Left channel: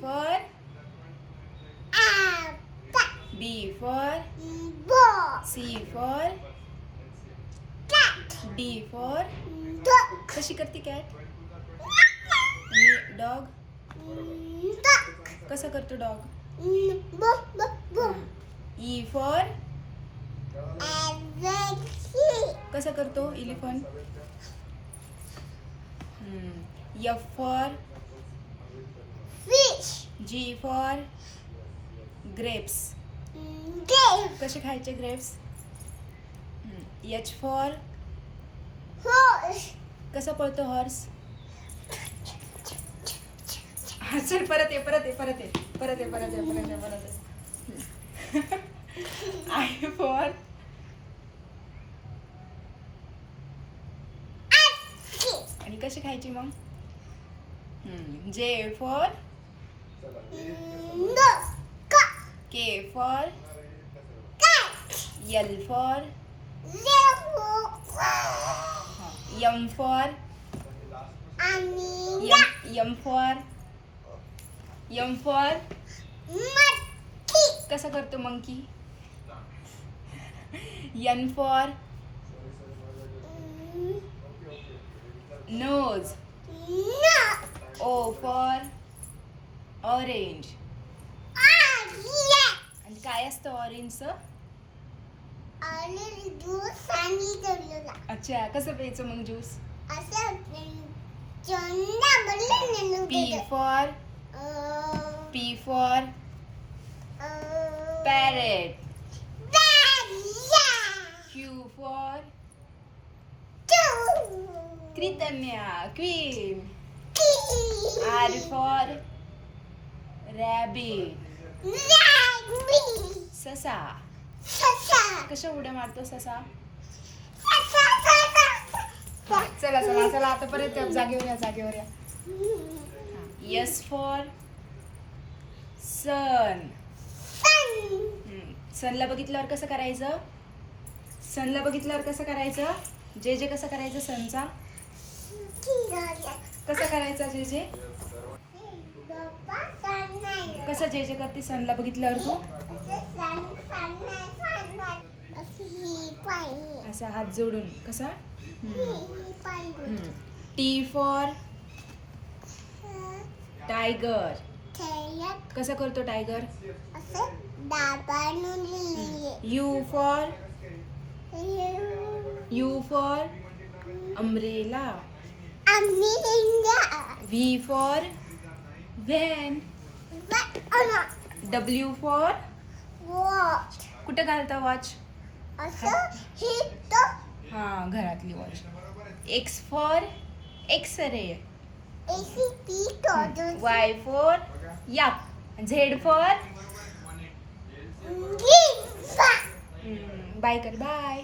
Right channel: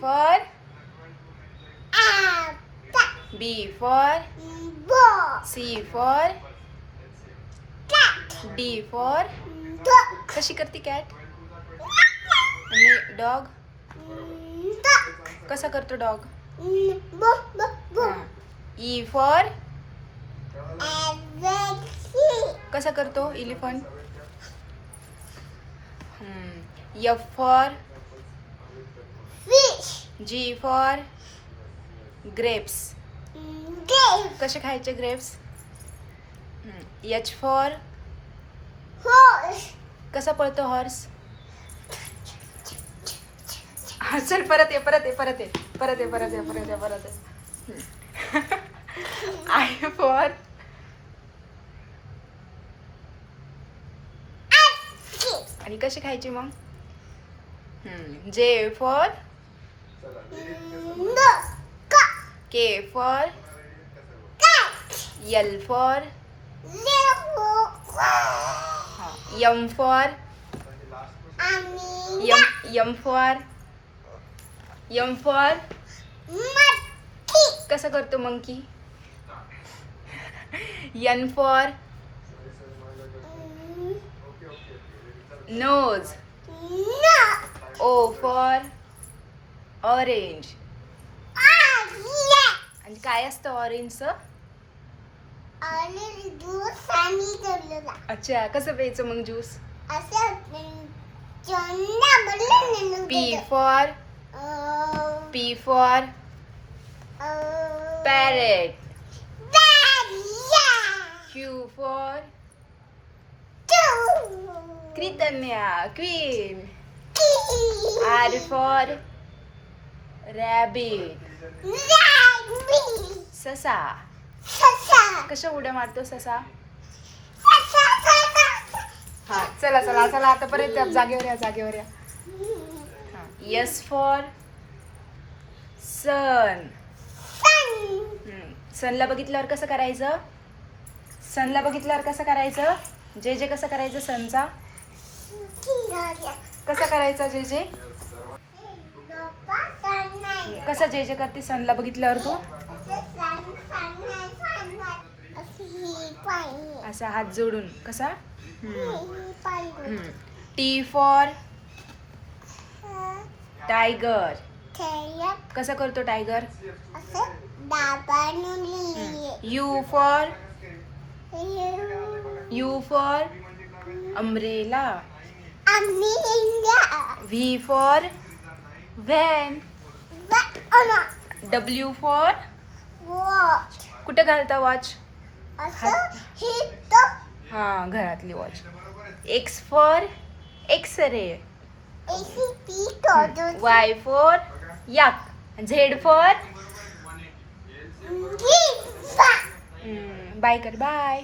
for B for C for D for कशी करते cat? आणि डॉग कसा करतो डॉग? E for कसा करतो elephant? F for G for grapes कसे खायचे ग्रेप्स? H for कसा पळतो हॉर्स? चल परत ये. I for आणि कशी खायची मग? J for K for L for M for M for कसा करतो monkey? N for nose O for orange आणि काय असतं ऑरेंजचं? अच्छा कसं प्यायचं मग juice? P for parrot Q for Kritanya queen R for rabbit ससा कशा उड्या मारतो ससा? हा चला आता परत जागेवर या. S for सन सनला बघितल्यावर कसं करायचं? जे जे कसं करायचं सनचा? कसा करायचा जे जे? कसा जे जे करते सनला बघितल्यावर तू? असा हात जोडून कसा? T for टायगर कसा करतो tiger? U for umbrella V for van W for कुठे घालता वॉच? हा घरातली watch. X for X-ray Y for yak Z for bye कर बाय.